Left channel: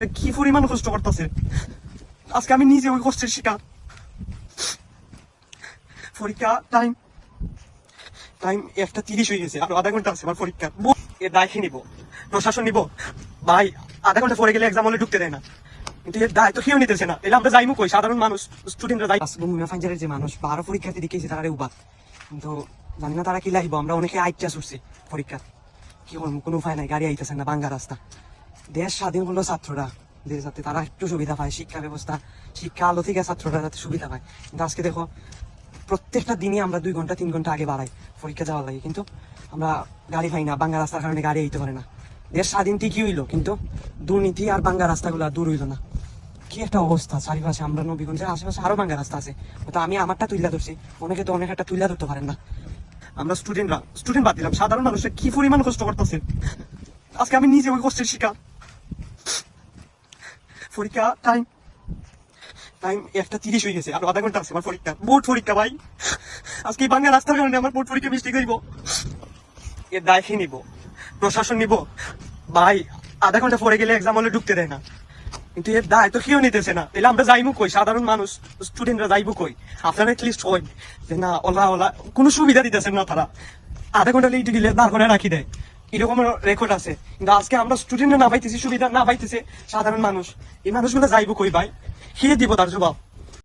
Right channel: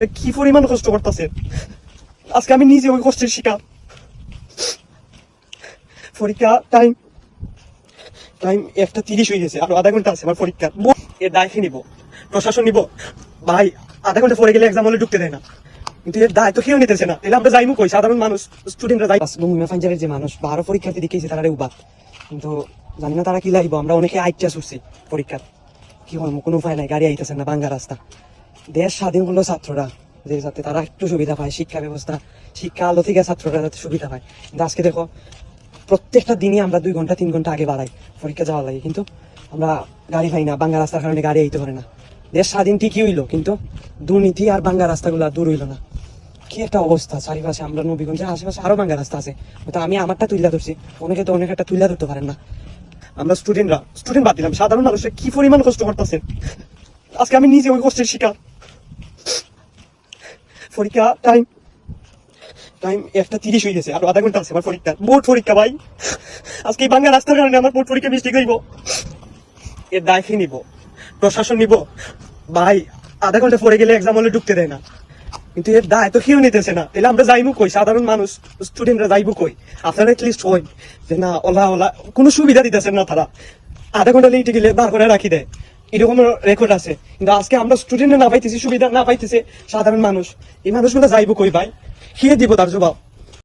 কি পরিমাণ কষ্ট করতেছে আজকে আমি নিজে ওই কষ্টের শিকার। পরীক্ষা টাইম টাইম 1:30 হয়ে গেছে, আরো আধা ঘন্টা আছে আমার পরীক্ষা। এর দায় নিব, প্রশাসন নিব ভাই। আধা ঘন্টা পরে গেলে এক্সাম হলে ঢুকতে দেয় না, কিন্তু এর দায় তো কেউ নিতেছে না। তাহলে আমরা যাইমু কই? সাধারণ মানুষ, স্টুডেন্টরা যাই। ফাইজারের যে মানুষ 12 পরীক্ষার্থী দিকেছে তারা উবাদ, কিন্তু জানি না তারা কি লাগবো। আমরা অনেকে আইটা ছুটছি পরীক্ষার, কি করবো, কোনো উপায় নাই। গাড়ি আইতেছে না, বাঙ্গা রাস্তা। দেশ স্বাধীন হলো ছাত্ররা, যাতে তারা একটু সুবিধা পায়, শিক্ষা ব্যবস্থা, শিক্ষা আলো থেকে ছাত্ররা যাতে সুবিধা পায়। কিন্তু আজকে দেখো প্রত্যেকটা দিনই আমরা 2 ঘন্টা 3 ঘন্টা আগে বাড়াই পরীক্ষা যাওয়ার লাগে, কিন্তু আমরা গাড়ি পাই না। বাঙ্গা রাস্তার কারণে গাড়ি আইতে পারে না। দেশ স্বাধীন ঠিকই হইলো, কিন্তু দুর্নীতি আর বাঙ্গা রাস্তাগুলো দূর হইলো না। কি একটা অবস্থা চারিপাশে। আমরা নবীগঞ্জের আশেপাশে আরো বাঙ্গা রাস্তা আছে, হয়তো আমি আমারটা তুইলা ধরছি, অনেকে তো অনেক একটা তুইলা ধরতে পারেন না। আমরা স্টুডেন্ট বাদ দিলাম, সাধারণ মানুষের কি পরিমাণ কষ্ট করতেছে আজকে আমি নিজে ওই কষ্টের শিকার। পরীক্ষা টাইম 1:30 হয়ে গেছে, আরো আধা ঘন্টা আছে আমার পরীক্ষা। বোর্ড পরীক্ষা ভাই, আজকে এই বাংলা রাস্তার কারণে আমার বোর্ড পরীক্ষা মিস্টেক হইব। এর দায় নিব, প্রশাসন নিব ভাই। আধা ঘন্টা পরে গেলে এক্সাম হলে ঢুকতে দেয় না, কিন্তু এর দায় তো কেউ নিতেছে না। তাহলে আমরা যাইমু কই? সাধারণ মানুষ, স্টুডেন্টরা যাইবো কই? আপনারা এটলিস্ট হই যে না, ওলা কোনো সুবিধা দিতেছেন না তারা। আধা ঘন্টা লেটে গেলে বার করে রাখি দেয়, এরকম রেকর্ড আছে। কিন্তু আজকে আমরা স্টুডেন্টরা না পাইতেছি, সুবিধা না পাইতেছে সাধারণ মানুষ। এই মানুষগুলো যাইবো কই ভাই? কে দিব তার জবাব?